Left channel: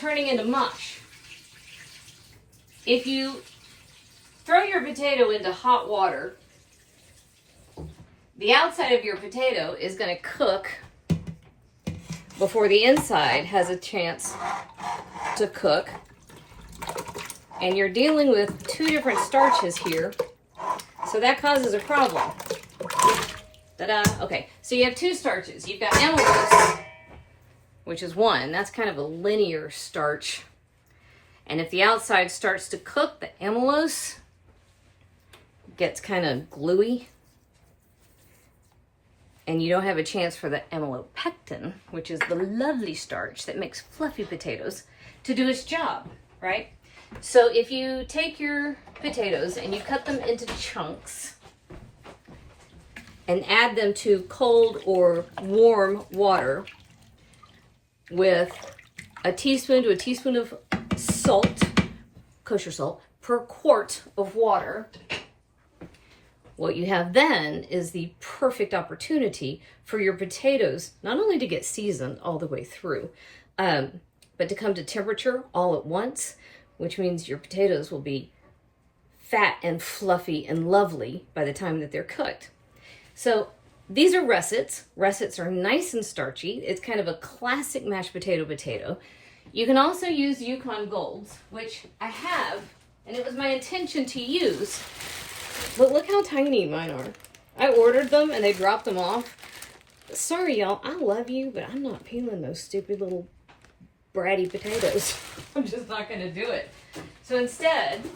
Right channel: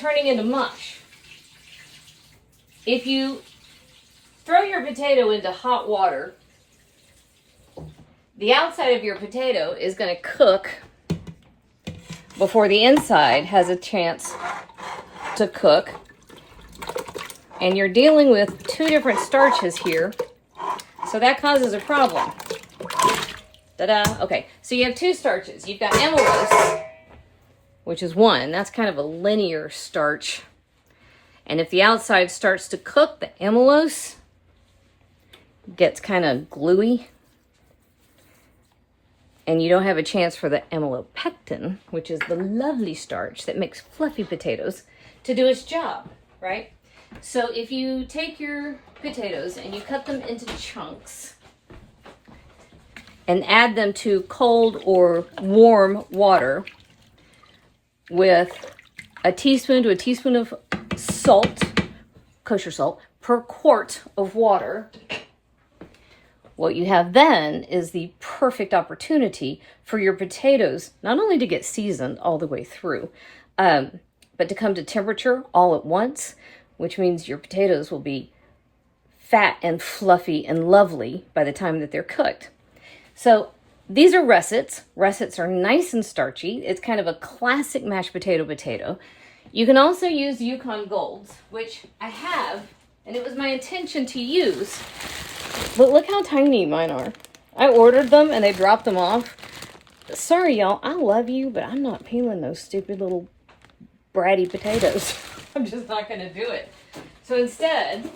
turning into mush. If you throw your potato into hot water, the outside of your potato is going to cook before the inside has a chance to cook. And you're dealing with two different starches here, so that causes a problem. Ta-da! Okay, so you have two starches. You've got amylose, which is one. That's kind of a linear starch. And if the outside starts to cook, the amylose gets kind of gluey. And you don't have a chance for the amylopectin, which is the lovely starch that makes fluffy potatoes, to do its job, right? So if you take your potatoes and you cut them into chunks and add them to cold or warm water with a teaspoon to a teaspoon of salt, kosher salt, per quart of water, what you have then is the perfect opportunity for your potatoes not only to get seasoned all the way through, but to come to temperature all at once, which means your potatoes will be fat and fluffy and lovely by the time that they're cooked. So these are russets. Russets are nice and starchy. It's kind of a classic mashed potato. You can also use Yukon Golds, which I have, and it was my intention to use. But look how tiny mine are. I ordered them and they dropped them off. Sorry, y'all. I love you, but I'm not peeling those stupid little bratty potatoes. I'm just not going to do it. So instead,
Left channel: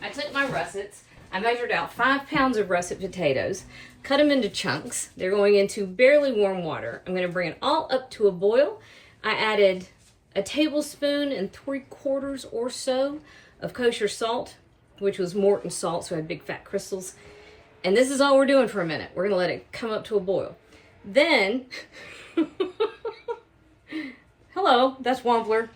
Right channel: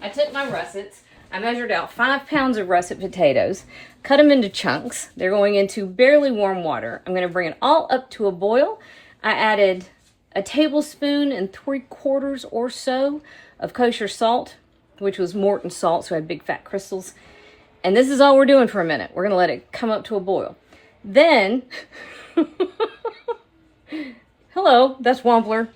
I took my russets. I measured out 5 pounds of russet potatoes, cut them into chunks. They're going into barely warm water. I'm going to bring it all up to a boil. I added a tablespoon and 3/4 or so of kosher salt, which was Morton salt, so I had big fat crystals. And this is all we're doing for a minute. We're going to let it come up to a boil. Then, hello, that's Wampler.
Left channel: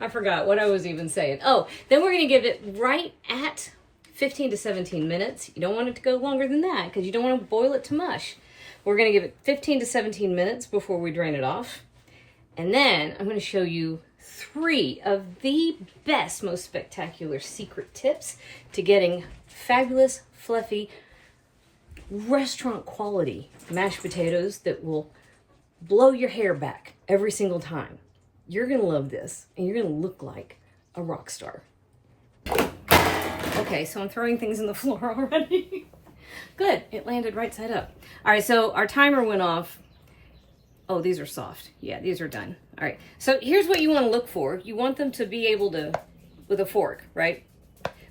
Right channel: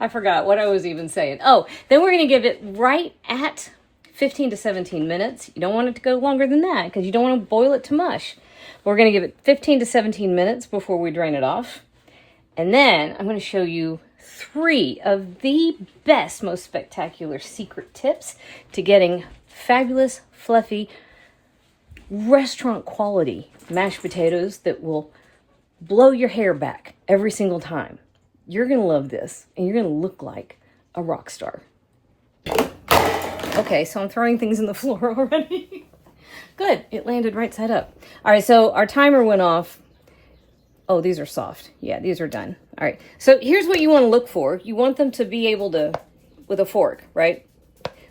I forgot what I was even saying. Oh, then we're going to give it right at 15 to 17 minutes. You don't want it to go longer than that because you don't want to boil it to mush. We're going to give it 15 to 17 minutes before we drain it off. And then I'm going to show you 3 of the best, most spectacular secret tips to getting fabulous, fluffy, restaurant quality mashed potatoes that will blow your hair back every single time. You're going to love this, and you're going to look like a rock star. Okay, so I'm throwing things in the floor already. Good, it landed right side up. All right, so our timer went off. Oh, these are soft. Yeah, these are done. All right, so here's what you want to look for. You want them to be able to, with a fork, right?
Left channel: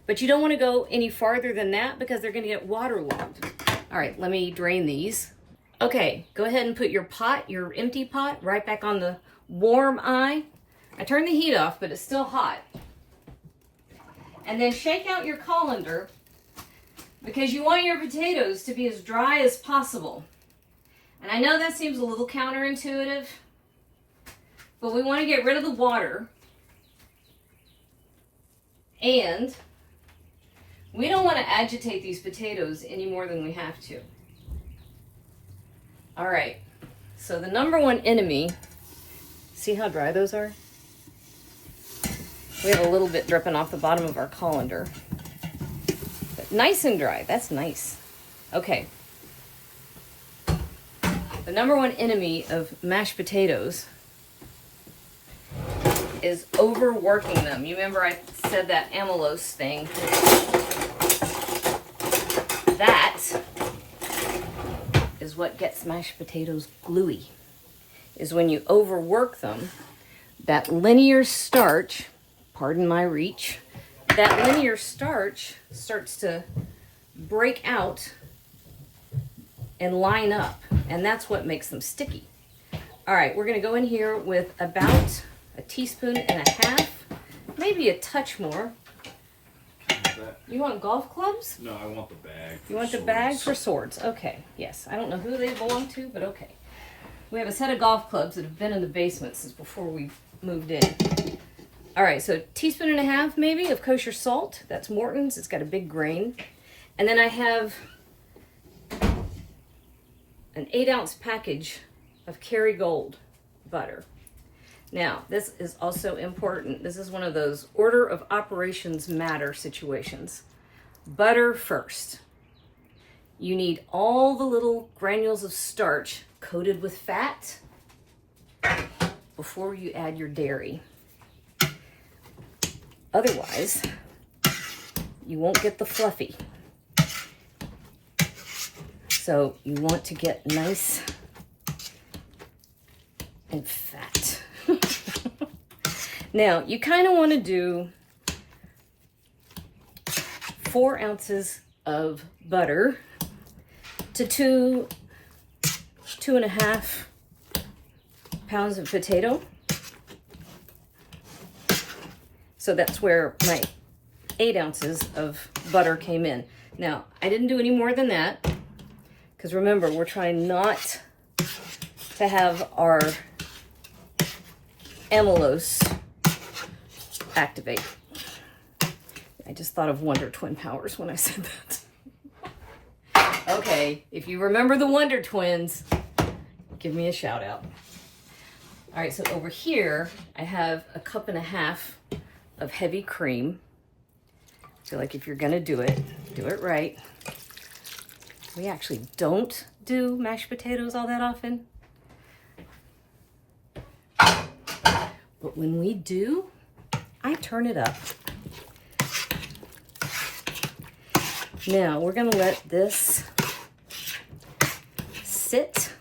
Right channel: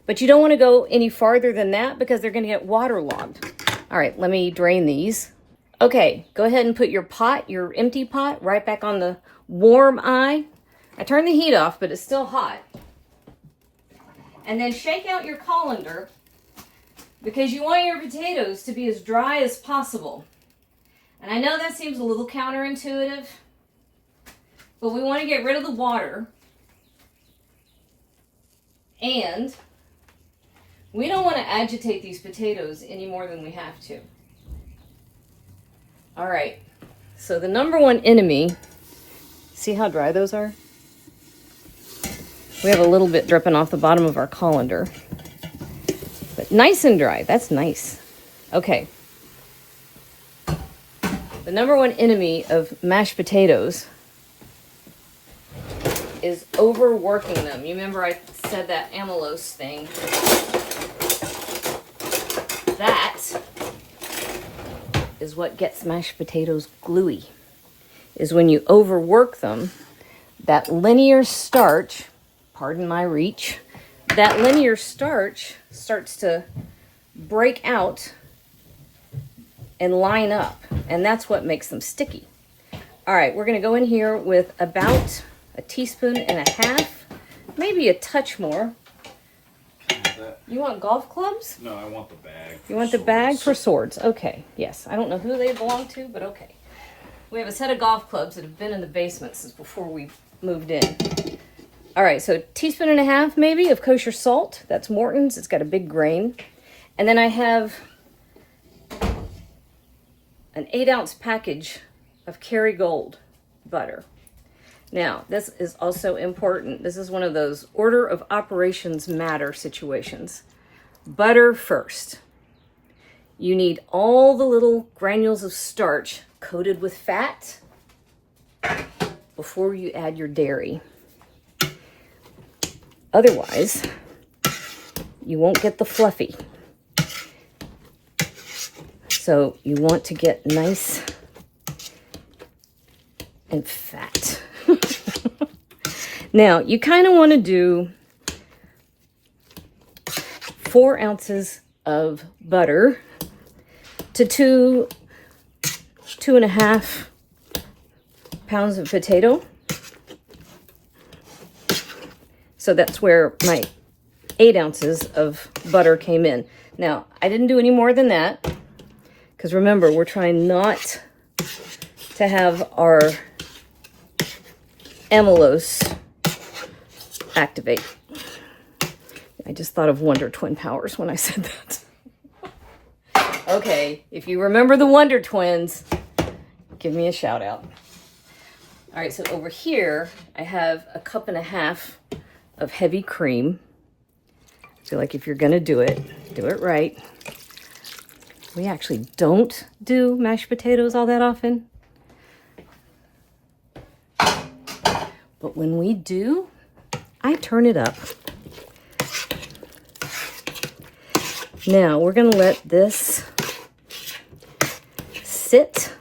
But you don't want to go any farther than that because they're going to get waterlogged. All right, let me drain these. Okay, go ahead and put your pot, your empty pot, right back on the warm eye. I turned the heat off, but it's still hot. And then shake out your colander because you want your potatoes to be as dry as possible. And I know that seems a little counterintuitive, but we want to get rid of the water. And we don't want to agitate these potatoes any more than we have to. All right, so the number one enemy, see how dry those are? We have a little bit dripping off the bottom of our colander, but nice and dry, that's nice. Okay. The number one enemy of mashed potatoes is overworking them. You remember I said that amylose thing. That is what gets mashed potatoes gluey, is when you overwork them. That linear starch, pardon my reach, that linear starch starts to break out and line up, and that's what makes them sticky. All right, we're going to go in here with about a teaspoon and a half, maybe a touch more. You want golf clubs? No, I want the bag. You want the bag for swords? Okay, yes. I don't know who they belong to, but okay. We have a set of golf clubs that have been in the basement since before we moved in. All right, so a teaspoon and a half maybe of kosher salt. That's Morton's. It's got a big grain. And then I have an 8-ounce package of Kerrygold butter. Now, this is also important. This is one of those order of operations matter situations. Butter first. You need all the little granules of starch coated with fat before you add your dairy. Otherwise, you won't get the fluffy. So you want to get nice and fat. Now, you kind of want to do 4 ounces of butter to 2.5 pounds of potato. So that's where my 8 ounces of butter came in. Now, I didn't do any more than that, because remember, we're trying not to have our amylose activate. I just thought of Wonder Twin powers when I said that. Okay, if you remember the Wonder Twins, give me a shout out. All right, so over here, I have 1.5 cups of heavy cream. I feel like if you're gonna do it right. We actually don't do mashed potatoes all that often. But when we do, I turn it up. Now we're gonna let this sit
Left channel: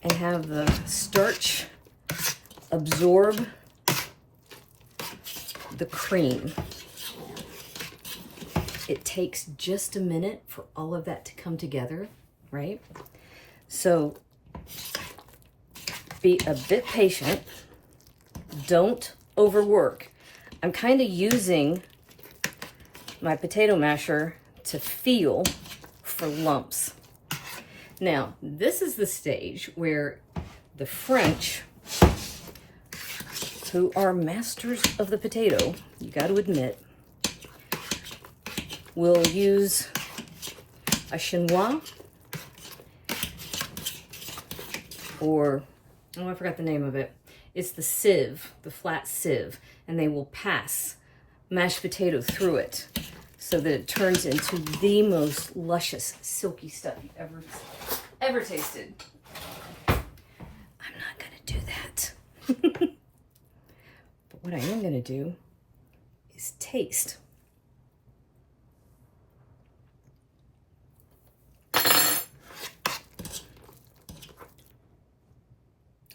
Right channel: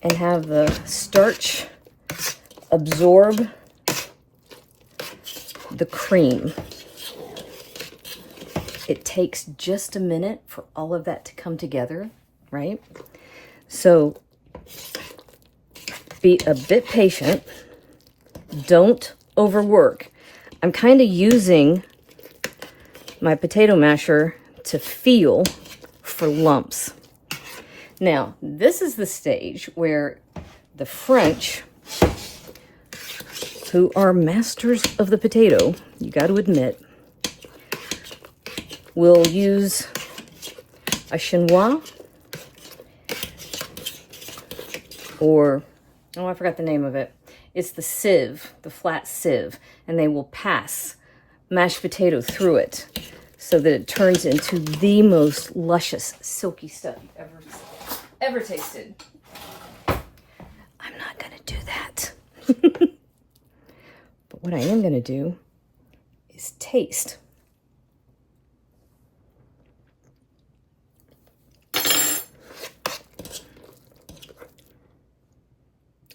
and have the starch absorb the cream. It takes just a minute for all of that to come together, right? So be a bit patient. Don't overwork. I'm kind of using my potato masher to feel for lumps. Now, this is the stage where the French, who are masters of the potato, you got to admit, will use a chinois, or, oh, I forgot the name of it. It's the sieve, the flat sieve, and they will pass mashed potato through it so that it turns into the most luscious, silky stuff you've ever tasted. I'm not gonna do that. But what I am gonna do is taste.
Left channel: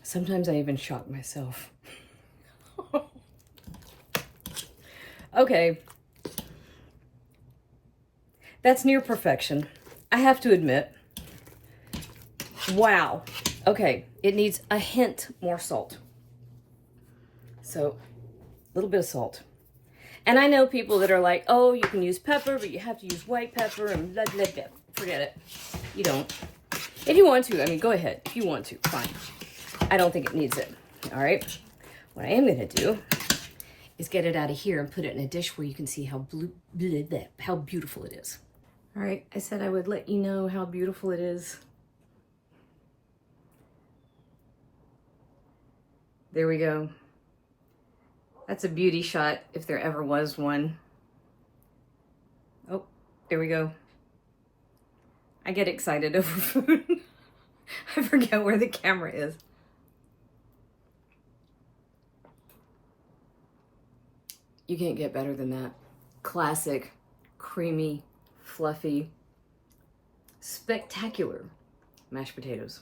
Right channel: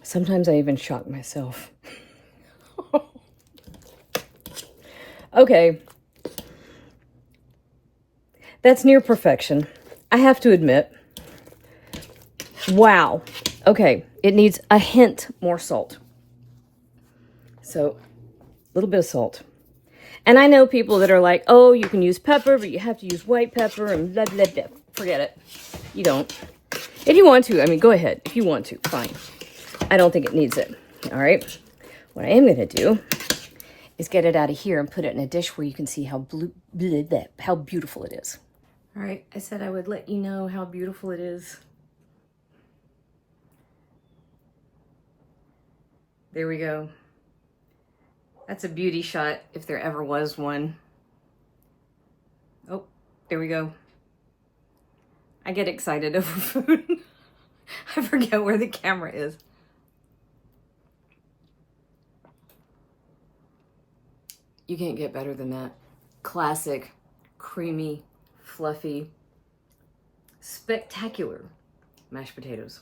Sometimes I even shock myself. Okay. That's near perfection, I have to admit. Wow. Okay, it needs a hint more salt. So, a little bit of salt. And I know people that are like, oh, you can use pepper, but you have to use white pepper and blah, blah, blah. Forget it. You don't. If you want to, I mean, go ahead. If you want to, fine. I don't think it needs it. All right. What I am going to do is get it out of here and put it in a dish where you can see how how beautiful it is. All right. I said I would let you know how beautiful it is. There we go. That's a beauty shot if there ever was one. Oh, there we go. I get excited over food. I forget where the camera is. You can't get better than that. Classic, creamy, fluffy, spectacular mashed potatoes.